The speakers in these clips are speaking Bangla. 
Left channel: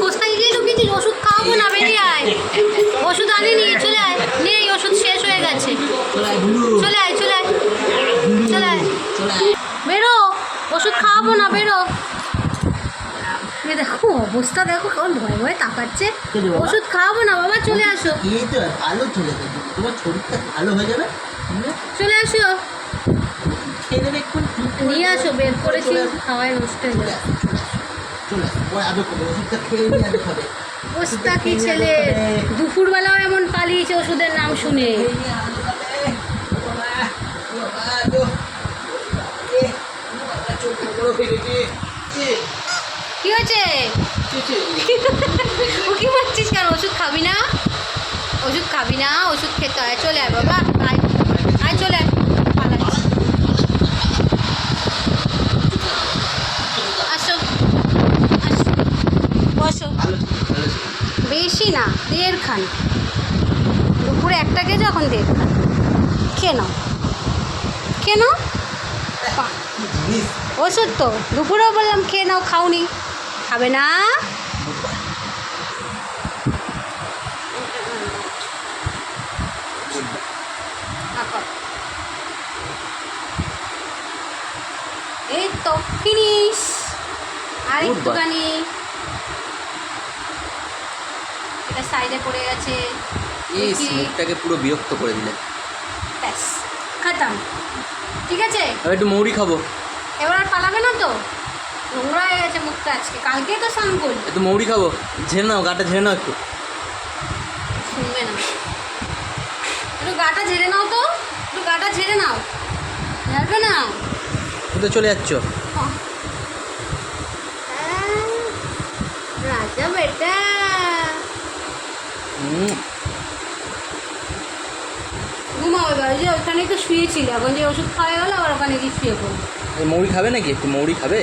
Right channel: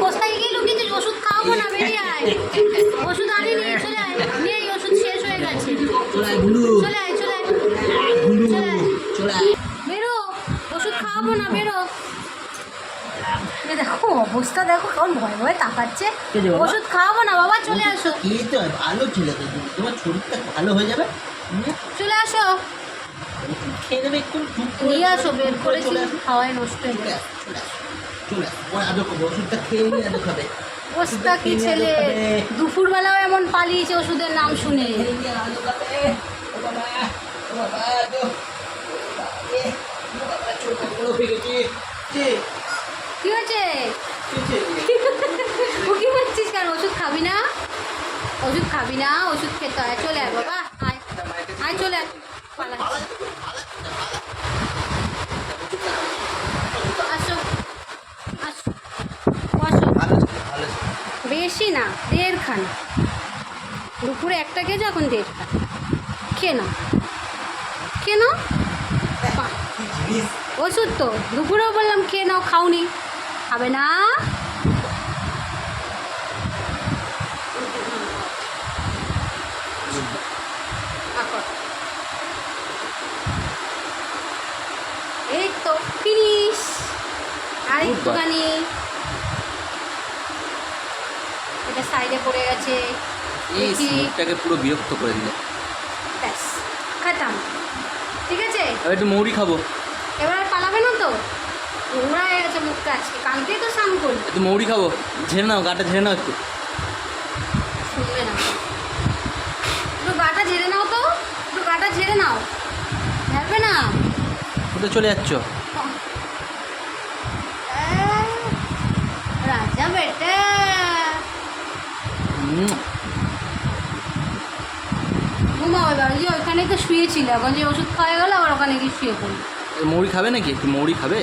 কোথায় গিয়ে ঢুকেছিস? ওষুধ খাওয়াবো না, বেরিয়ে আয়। ওষুধ আনিনি, চলে আয়। নেই, ওষুধ শেষ হয়ে গেছে। চলে আয়, চলে আয়, চলে আয়, বেরো। ওষুধ খাওয়াবো না, বেরো। দেখো অবস্থা, দেখো কেমন ভয় ভয় তাকাচ্ছে। ওষুধ খাওয়াবো না বাবা, চলে আসো। ভালো ছেলে তো, তোমার শরীরটা ভালো হয়ে যাবে। চলে আসো, খেয়ে দেবে একটু, নিয়ে আসো। বের করেছি, খাওয়ায় নষ্ট হয়ে যাবে। চলে ওষুধটা খেয়ে নিয়ে আদৌ খাবে। অবস্থা কি ছেলে, দুপুরবেলাও এমন পালিয়েছে ওষুধের নাম শুনে। কি হয়েছে? ও কি বলছিস কেন? ওষুধ খাবি না? ওষুধ খাবি না? ওষুধ খেতে হয়। চলে আয় বাবা, আয় আয়, চলে আয়। পালাচ্ছি, আসো আসো, বসো। বেশি না, 1.5 খানা। দুপুরে একটা খেয়েছো, এখন 1.5 খানা। খেয়ে নাও, খেয়ে নাও। ওষুধ তো দুপুরেও বললাম খেয়ে নাও, খাওনি। খাবে না? এই তো ফিনিশ। আর একটুখানি, এটা সাইডে পড়ে গেছে। এই মুখটাকে পুরো বিরক্ত করে দিলে। ব্যাস, খাতাম। ঠিক আছে, এবার একটু মৌরি খাবো। এবার আর পালাবে না তো? নোংরা হয়ে গেছে মুখটা আজকে, কালকে তো স্নান করলি। একটু মৌরি খাবো, ঝেড়ে নাও, গাটা ঝেড়ে নাও একটু। শুনবে না, একটু গাটা ঝেড়ে নাও তো, একটু গাটা ঝেড়ে নাও। ঝাড়বে না? কোথায় চলে যাচ্ছ? রাজা বেটা। ঘুমাও এবার, যে ওখানে তো শুয়েছিল, এখন যে ওষুধ খাওয়া গেলো আবার ওখানে গিয়ে শুয়ে পড়ি। মৌরি খাবে নাকি? একটু মৌরি খাবে?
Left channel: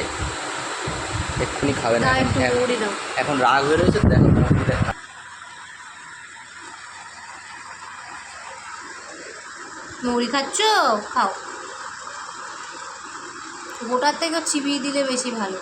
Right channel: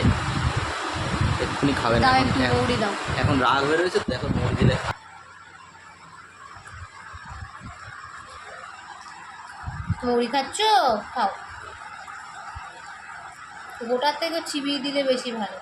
এক্ষুনি খাবে না, দাও একটু মৌরি দাও। এখন রাগ হয়ে রয়েছে, দেখো মৌরি দিলে। মৌরি খাচ্ছ? খাও। গোটার থেকে চিবিয়ে দিলে বেশি ভালো।